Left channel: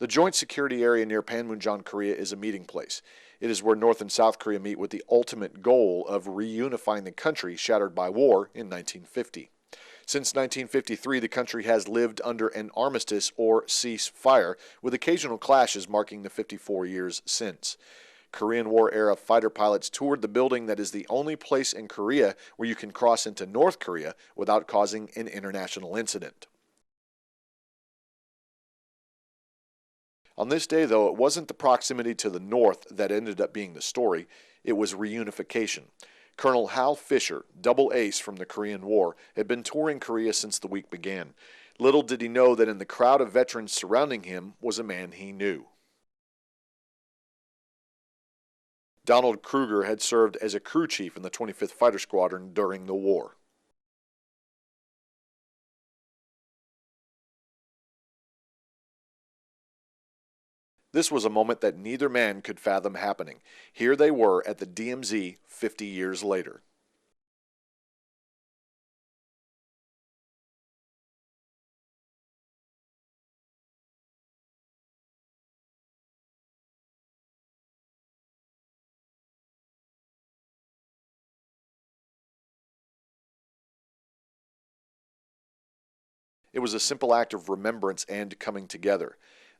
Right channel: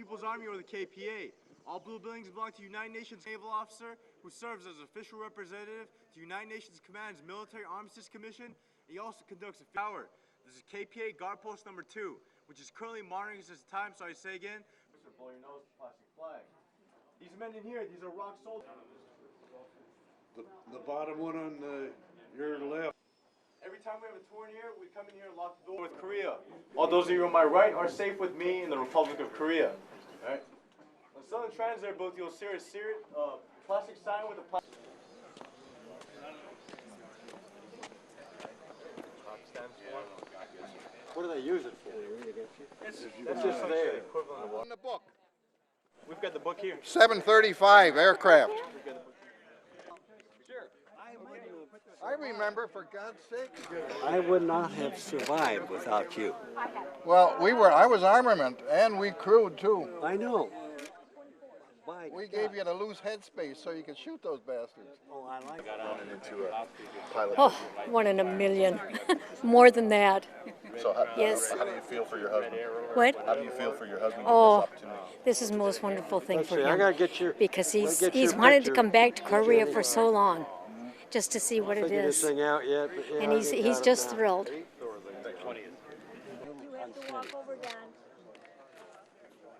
The Joint Security Area near Panmunjom, Korea is a meeting place. It is where North and South Korea meet with the ultimate goal of reunifying the country shattered by war in 1950. Since 1953, the country has lived under an armistice or ceasefire, with occasional clashes marking the 54 years since. Korean War-era fighter pilots toured the building that is the only place in Korea where you can cross into North Korea without causing an international incident. All those of you on my right are safe with me in the Republic of Korea. On this day, though, it wasn't the proximity to the north that ended up being the story. It was reunification. Colonel Hal Fisher, double ace from the Korean War, had been touring Korea since the week began. Little did he know that in the crowd of veterans surrounding him was a man he knew. We've got the book here. 735 aircraft. Donald Kruger had served as a crew chief in the 25th Fighter Squadron during the war. I would not have survived without you. Well, I was armament, and we crewed too. I know. This was a moment that neither man could fathom happening. Here they were at the DMZ 50 years later. Oh, 1 in a million. More than that. So yes. How do you feel for your husband? What? How do you feel for your husband? Oh, this is the most wonderful thing for him. Because he's wanted to come back to Korea for so long, just to see what it is. And he's just thrilled. It was a simple act of remembrance and coming together.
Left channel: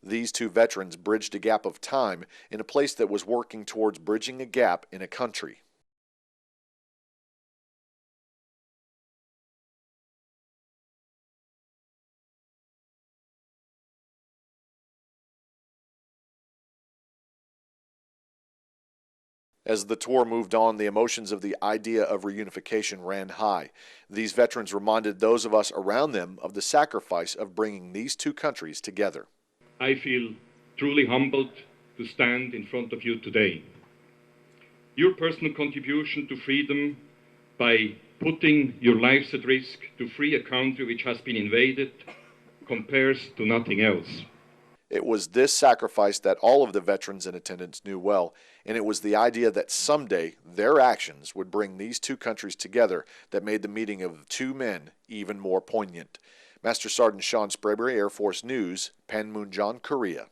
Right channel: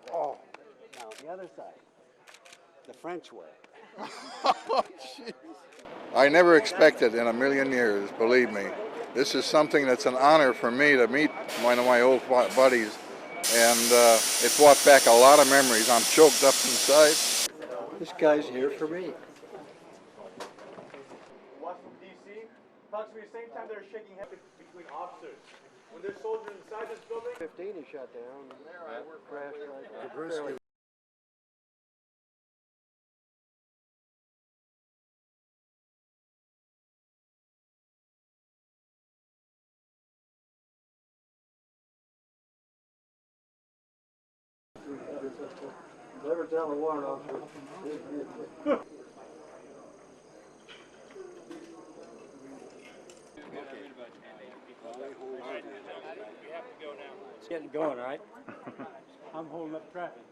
These two veterans bridged a gap of time in a place that was working towards bridging a gap in a country. I never expected in a million years, believe me. This is something that's an honor for me to meet one of my old buddies, and it brought back a lot of memories. I'm choked up inside. This guy's here for me. As the tour moved on, the emotions of the idea of reunification ran high. These veterans reminded those of us around them of the sacrifice of bringing these two countries together. I feel truly humbled to stand in front of you today. Your personal contribution to freedom by putting your lives at risk to free a country which has been invaded compares to nothing else. It was this sacrifice that all of the veterans in attendance knew well, and it was the idea that someday their actions would bring these two countries together that made the meeting of two men even more poignant. Master Sergeant Sean Sprayberry, Air Force News, Panmunjom, Korea.